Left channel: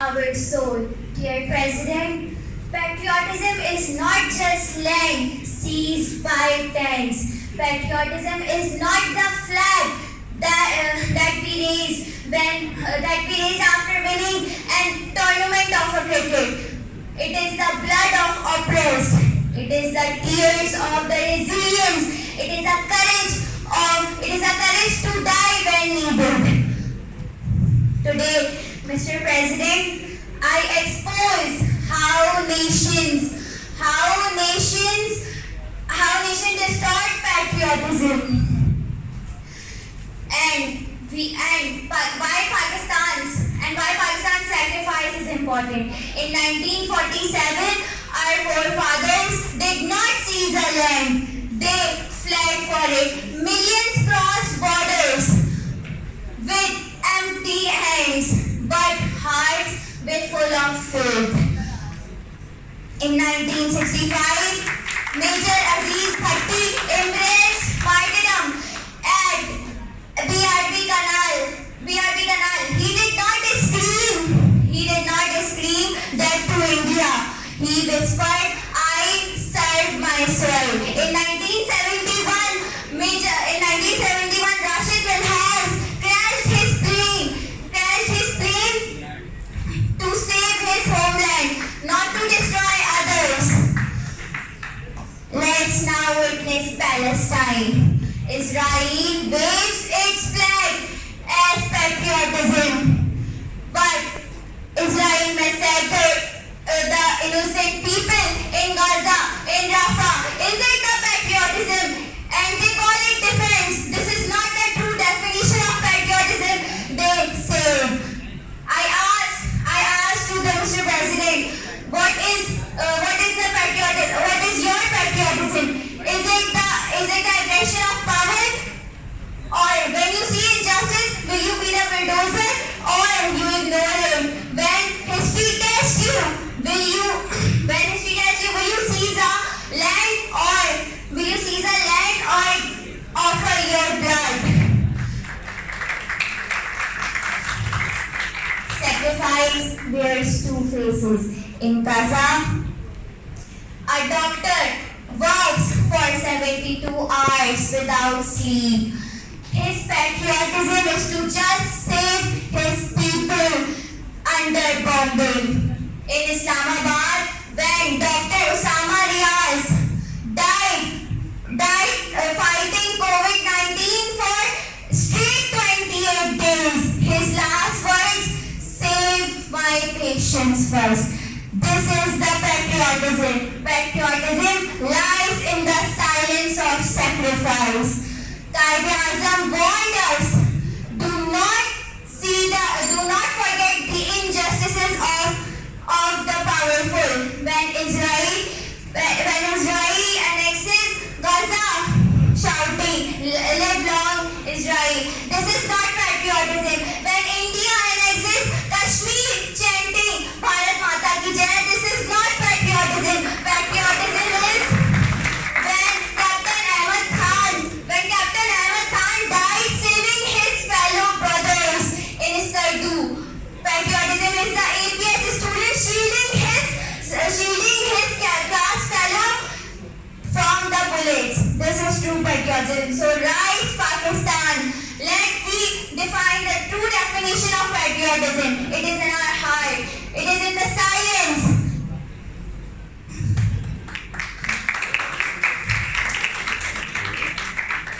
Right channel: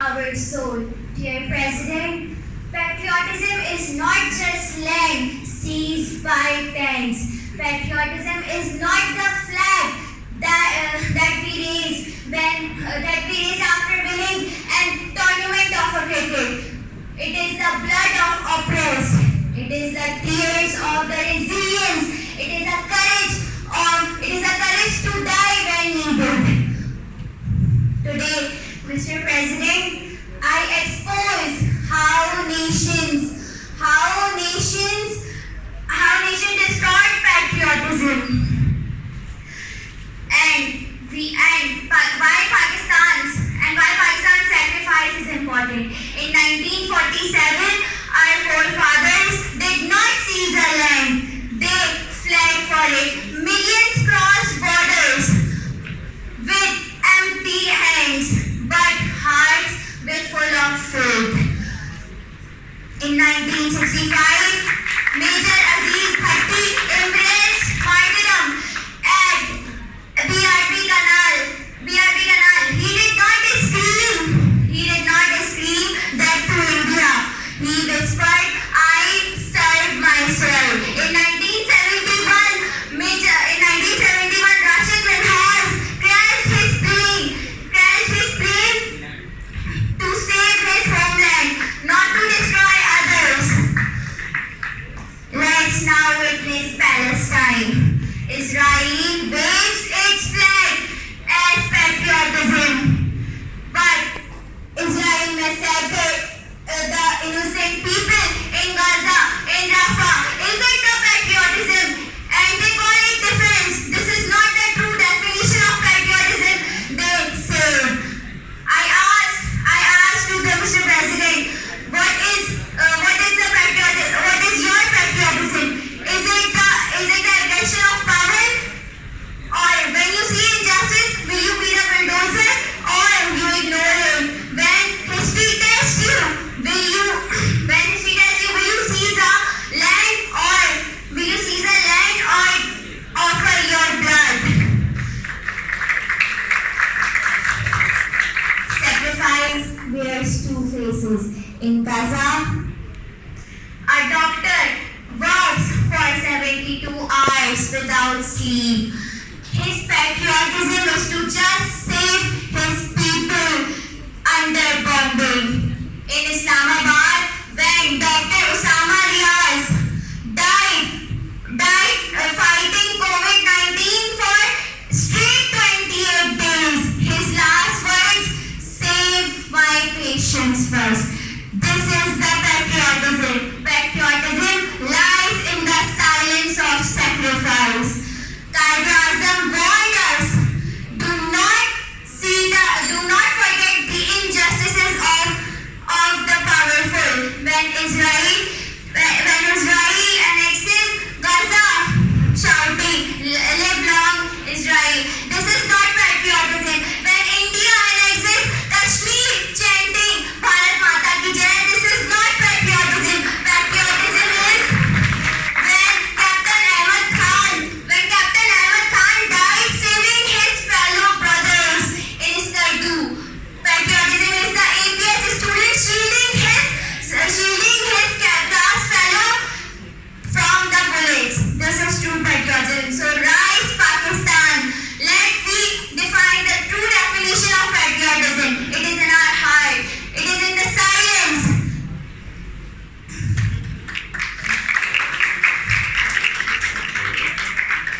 our soul. Dear President, patriotism is not just land seized by tanks. Patriotism is not the flag that we raise after winning an tournament of a cricket. It is the blood of oppressed. It is the tears of the resilience. It is a courage to die when needed. Today, Mr. President, I expose how nations destroyed patriotism why Pakistan's sacrifice is important. In 1947, our forefathers did not seize a land; they fled for it. Millions crossed borders with empty hands, but hearts were full of faith. In 1965, Major Aziz Bhatti embraced martyrdom at BRB Canal. He did not scream that to India. He whispered, "I serve myself." In 1971, Rashid Minhas crashed his plane to save his homeland, not to destroy others. Let's now witness Palestine. Israel waves its flag as patriotism, but Israel massacred the innocent people in Gaza, in Rafah. Is it the patriotism? And they call it defense. This is not the true definition of patriotism, they say. I asked to the Mr. President, what is the patriotism? What is your patriotism? Is it the aggression of power? Or when you see injustice, will you be the bulldozer or you ignore it? When history tests you, will you seize a land or offer your blood? Sacrifice wears two faces. In Gaza, a doctor works for 72 hours without sleep. His patriotism is to just save his people under bombing. In Islamabad, when Dr. Osama Riaz died fighting COVID-19 for straight 28 days, his last words, "Save my patients first." This is the patriotism. Patriotism lies in the silence of sacrifice. Qaid-e-Azam warned us, do not forget the injustices of the powerful. When Israel annexes Gaza, shouting, "Live long Israel." This is not patriotism. When India annexes Kashmir, chanting, "Bharat Mata ki Jai," this is not patriotism. Patriotism is when Captain Ahmed Khan died saving his fellow brothers in Skardu. Patriotism is the APS student shielding his class fellow from the bullets. This is true patriotism. So rise Pakistan. Let me define the true definition of patriotism. It is an